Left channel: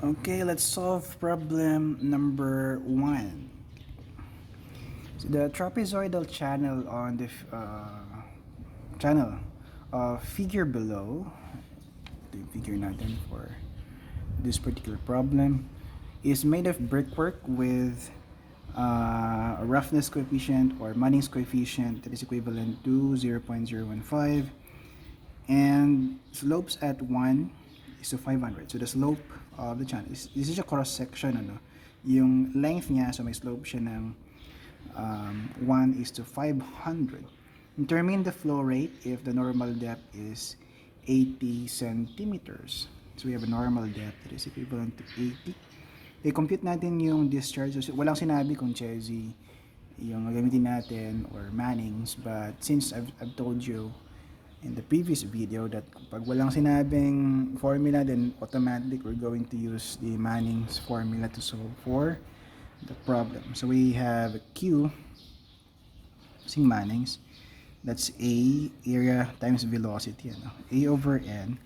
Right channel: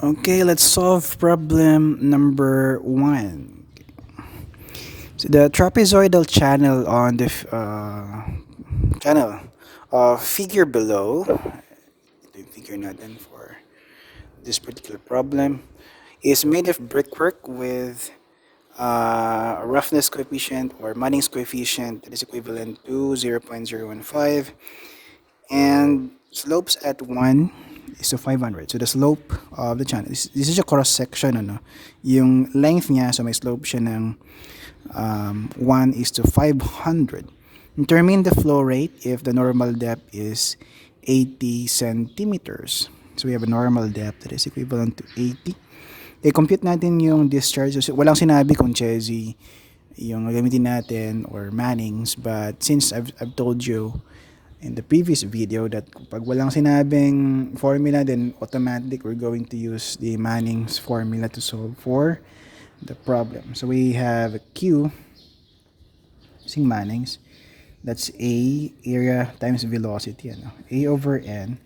Okay, let's solve problem number 1. So the trapezoidal channel on the channel figure below, the figure natin for this particular problem, is made of brickwork with a roughness coefficient or Manning's coefficient that is equivalent to 0.015 and slopes at 1 is to 500. So the slope of the channel, this is a cross section, ano? Yung length niya, so may slope siya ng 1 is to 500. Determine the flow rate if the normal depth is 80 centimeters. So we have a normal depth that is equivalent to 80. I-compute natin yung discharge. So, walang sinabi kung Chezy yung gagamitin natin or Manning's, but since I've told you in the previous video that pag walang sinabing formula, then automatic we're going to use the Manning's formula to solve for the problem. So we have a Q using Manning's. That's A, area times velocity. Ano? A over N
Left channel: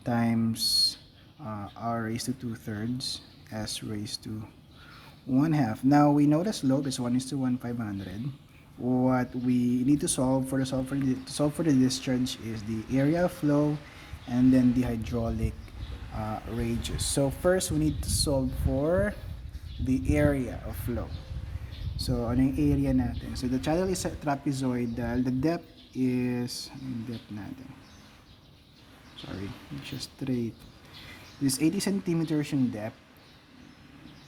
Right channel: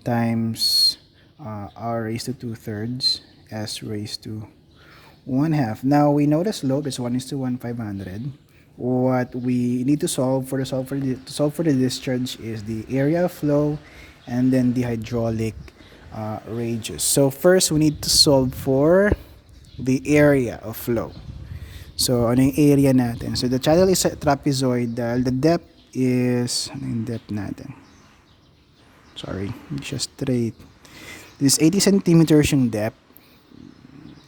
times R raised to 2/3 S raised to 1/2. Now we know the slope is 1 is to 1, 500. What we need to solve for the discharge is the area of flow and then the hydraulic radius. So first we need to solve for the area of flow. So ano yung area natin? So the channel is trapezoidal. The depth is, ano yung depth natin? Sorry, hindi siya straight. This is 80 centimeters yung depth,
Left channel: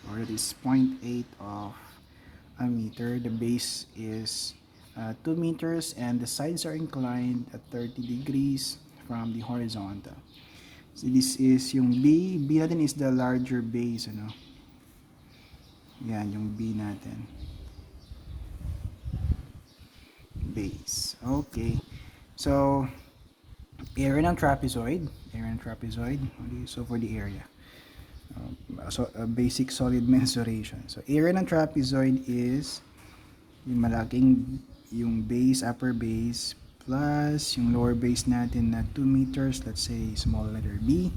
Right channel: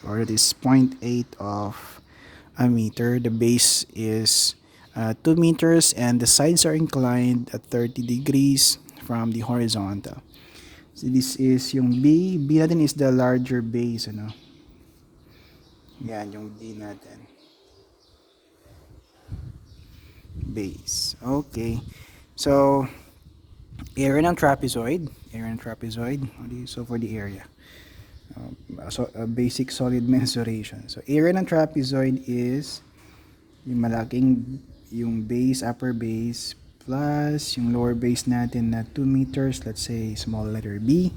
or it is 0.8 of a meter. The base is 2 meters and the sides are inclined at 30 degrees from the horizontal. So this is yung B. B natin is the larger base, ano? Yan, yung B natin. Base. Okay. So, area ng trapezoid. So, for the area. So, a basic solid mensuration. So, area ng trapezoid is yung malaking, yung base, upper base, plus yung lower base natin na 2 meters, let's say small letter B.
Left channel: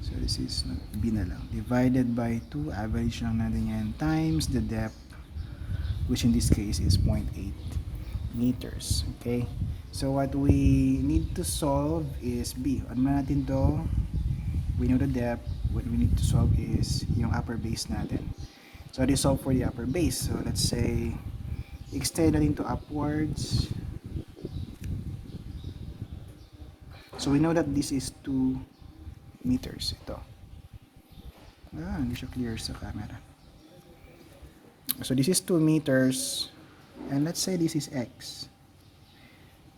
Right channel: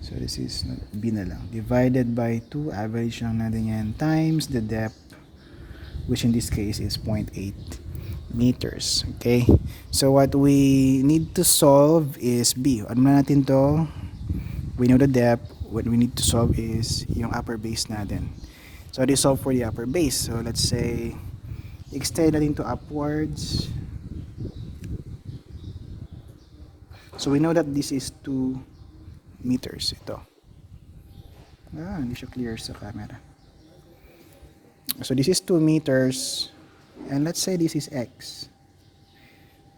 So, this is B na lang. Divided by 2, average lang natin yan, times the depth, which in this case is 0.8 meters. Okay? So, what we need to solve is B. Ano na natin to? We know the depth. What we need to solve is yung upper base natin. So, this solve for the upper base. So, let's say, extend natin to upwards. So, we know that this is 2 meters. Ito. Hindi siya clear sa camera. So, this is 2 meters. And let's say this is X.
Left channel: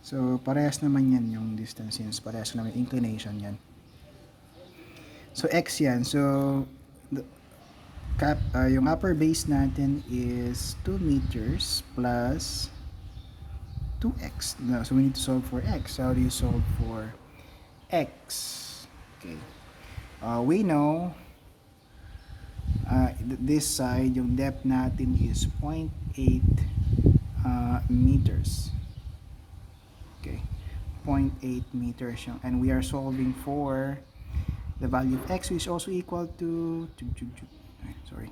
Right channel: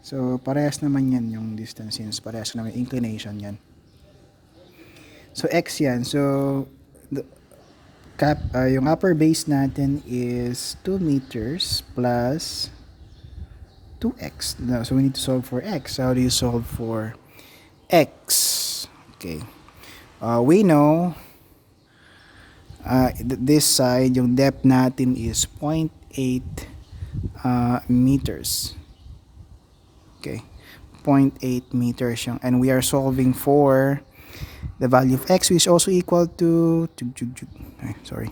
So, parehas naman yan yung distance since parehas naman yung inclination yan. So, X yan. So, yung upper base natin is 2 meters plus 2x. So, we need to solve for x. How do you solve for x? Okay. We know this side, yung depth natin is 0.8 meters. Okay. 0.8 meters yung, and we are solving for the value of x, which is also equal to sorry.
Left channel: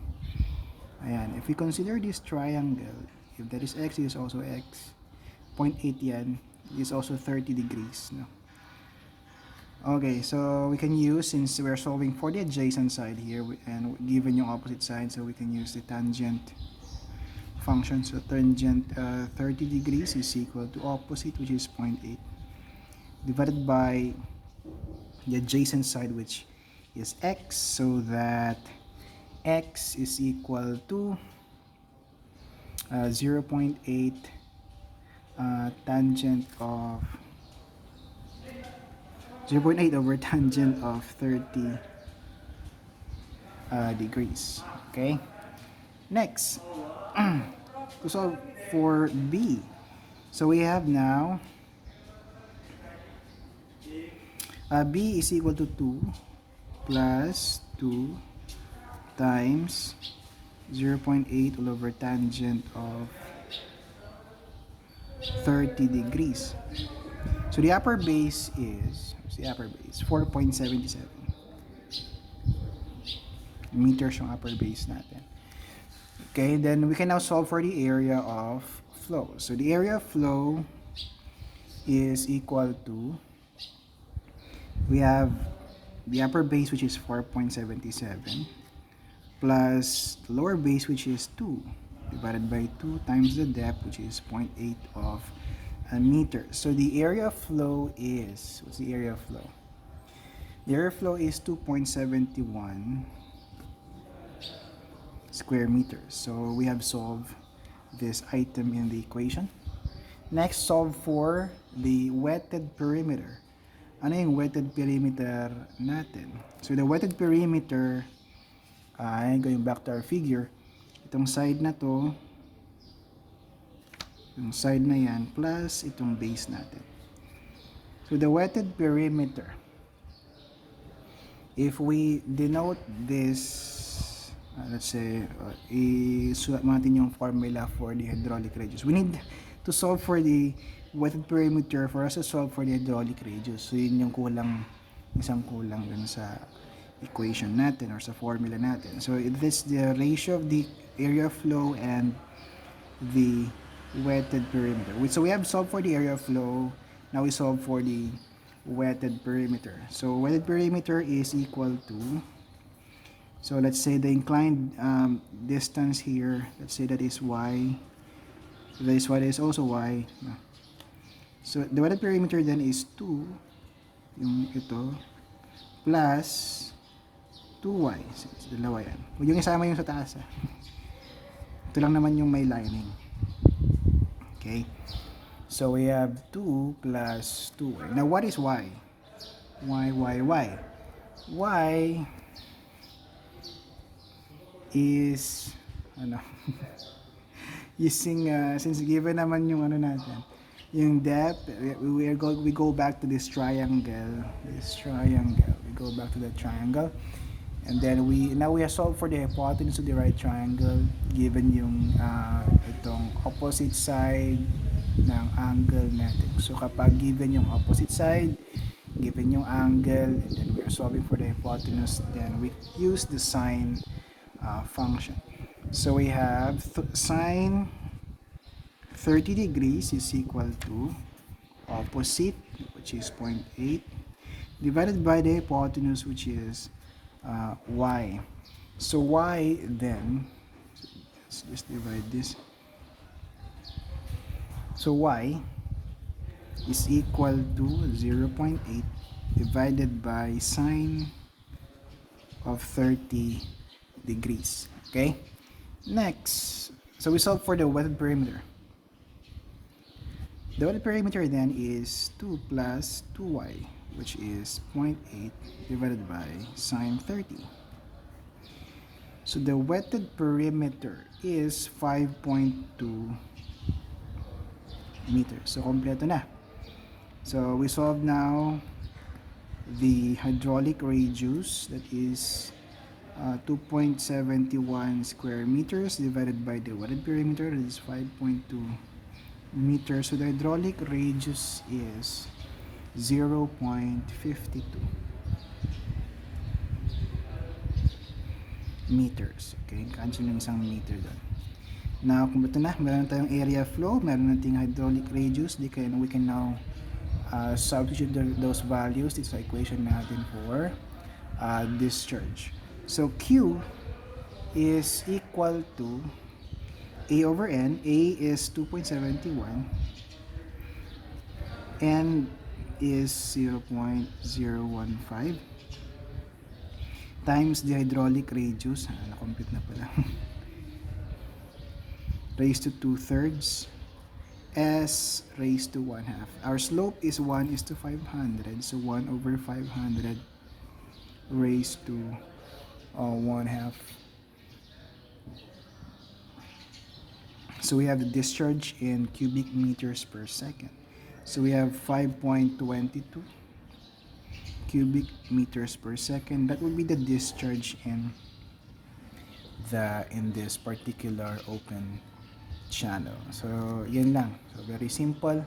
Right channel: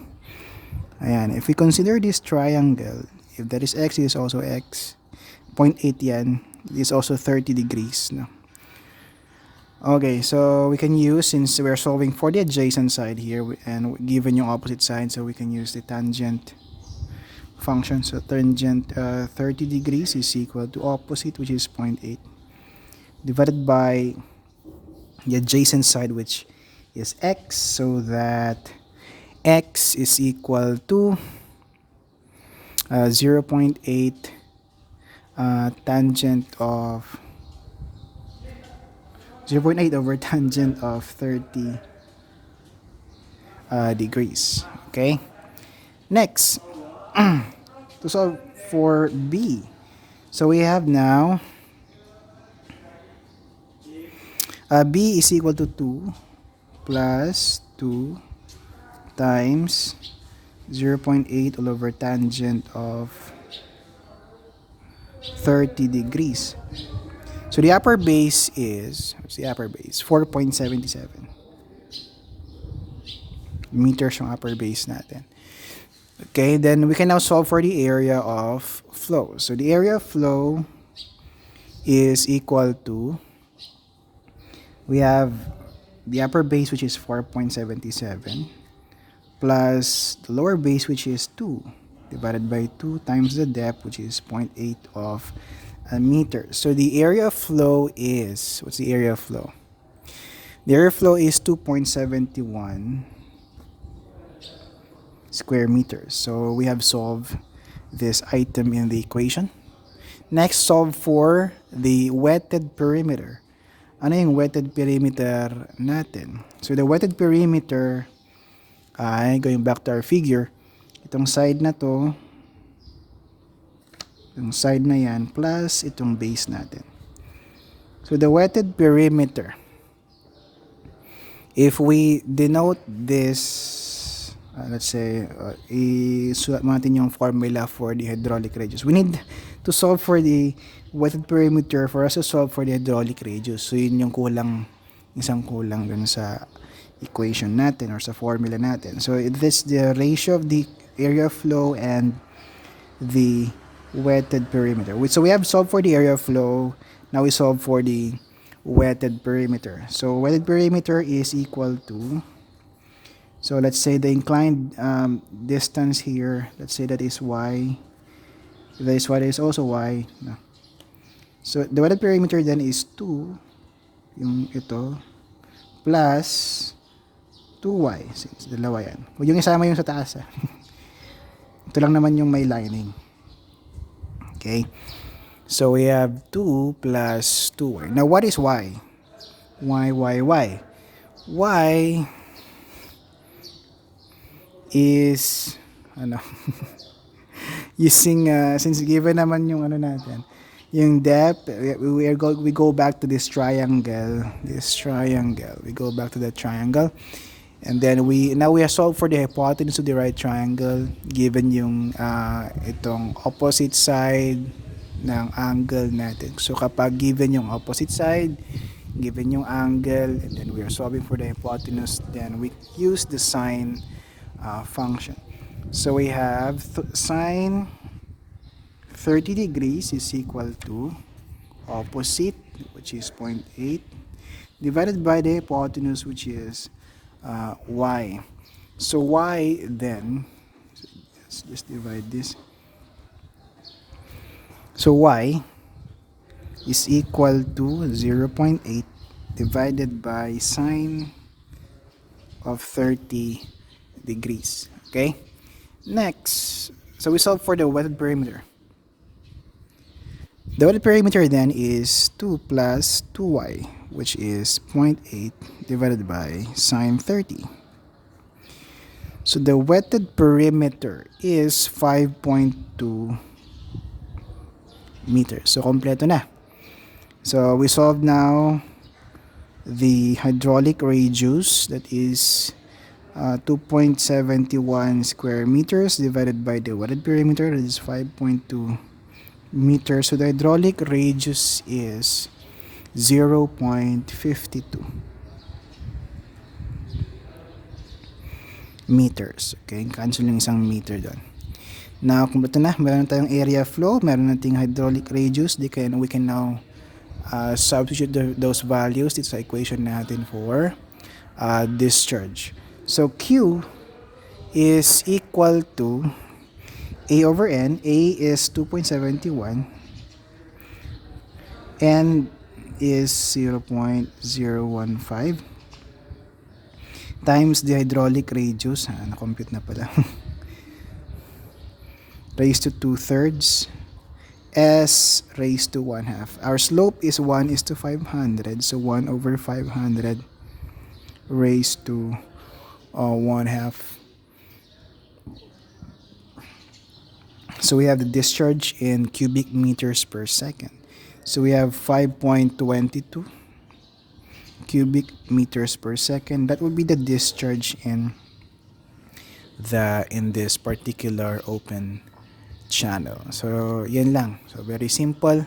Ayan, if we consider this triangle, if that is x, is also x. 0.8 yan. Is also 30 degrees. No? Okay, so we can use, since we're solving for the adjacent side here, and given yung opposite side, so we can use the tangent function. So tangent 30 degrees is equal to opposite, which is 0.8, divided by the adjacent side, which is x, so that x is equal to 0.8 tangent of 0.8 over tangent of 30 degrees. Okay, next to solve for B, so we have now B is equal to 2 plus 2 times 0.8 all over tangent of 30 degrees. So the upper base is, what's the upper base? 4.77. meters yung upper base natin. Okay, then we can now solve for the area of flow. So the area of flow is equal to, we have the upper base, which is 4.77, plus the lower base, which is 2, divided by 2 times the depth, which is 0.8 of a meter. So the area of flow is, what's the area of flow? The area of flow is 2.71 square meters. So we have solved this item in the equation. Next, solve for the wetted perimeter. Ano yung wetted perimeter natin? So the wetted perimeter ay, going back to our figure, itong side na to, yung side na yan, plus itong base natin. So the wetted perimeter, if we denote this, let's say, isulat natin yung formula for the hydraulic radius. We need to solve for the wetted perimeter for us to solve for the hydraulic radius. So yun yung kulang, isang kulang dun sa equation natin or sa formula natin. So this the ratio of the area of flow and the wetted perimeter. So we have solved for the area of flow. Now we solve for the wetted perimeter. So wetted perimeter is equal to, so let's say the inclined distance here, let's say that is y. That is what is also y. No. So the wetted perimeter then is 2, yung ito, plus 2y. Since dalawa yan. Huwag yung isama yung sa taas. Ito lang naman yung may lining. Okay. So we have 2 plus 2y. Now what is y? Y. Y is, ano, using, since given naman yung ano natin, yung depth, we go back to this triangle. We go back to the triangle. And then now we have solved for the hypotenuse of the right triangle given yung itong opposite side ng angle natin. So kapag given yung opposite side, given yung angle, and then we are solving for the hypotenuse, then we use the sine function. So we have sine 30 degrees is equal to opposite, which is 0.8, divided by the hypotenuse, which is y. So y then, let's just divide this. So y is equal to 0.8 divided by sine of 30 degrees. Okay? Next, so we solve for the wetted perimeter. The wetted perimeter then is 2 plus 2y, which is 0.8 divided by sine 30. So the wetted perimeter is 5.2 meters. So kompleto na. So we solve now the hydraulic radius, that is 2.71 square meters divided by the wetted perimeter, that is 5.2 meters. So the hydraulic radius is 0.52 meters. Okay, cancel yung isang meter doon. Now, kung bato na, meron tayong area flow, meron nating hydraulic radius, we can now substitute those values dito sa equation natin for discharge. So Q is equal to A over N. A is 2.71, N is 0.015 times the hydraulic radius, na-compute na pala, raised to 2/3, S raised to 1/2. Our slope is 1:500, so 1 over 500 raised to 1/2. So we have the discharge in cubic meters per second. So we have 5.22 cubic meters per second. That would be the discharge in this particular open channel. So yan lang. So very simple.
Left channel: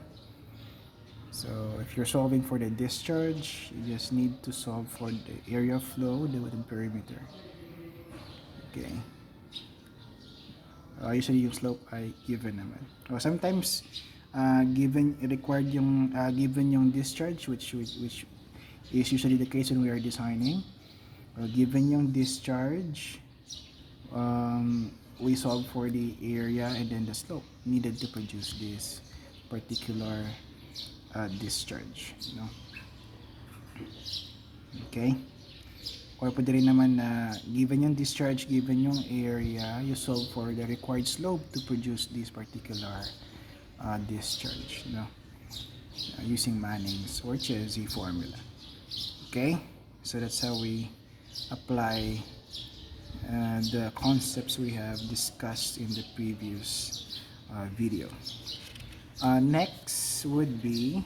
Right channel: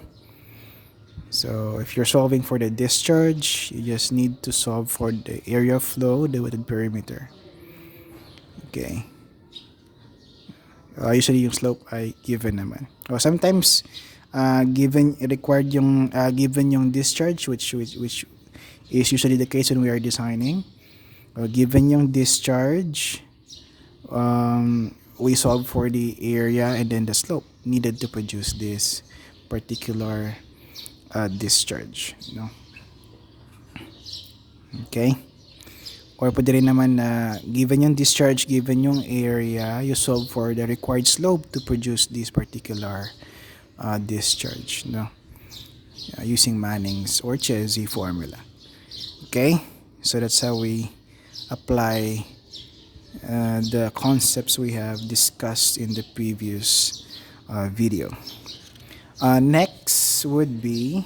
So if you're solving for the discharge, you just need to solve for the area of flow, the wetted perimeter. Okay. Usually yung slope ay given naman. O sometimes given required yung given yung discharge which is usually the case when we are designing. Given yung discharge, we solve for the area and then the slope needed to produce this particular discharge, no? Okay? Or pwede rin naman na given yung discharge, given yung area, you solve for the required slope to produce this particular discharge, no? Using Manning's or Chezy formula. Okay? So that's how we apply the concepts we have discussed in the previous video. Next would be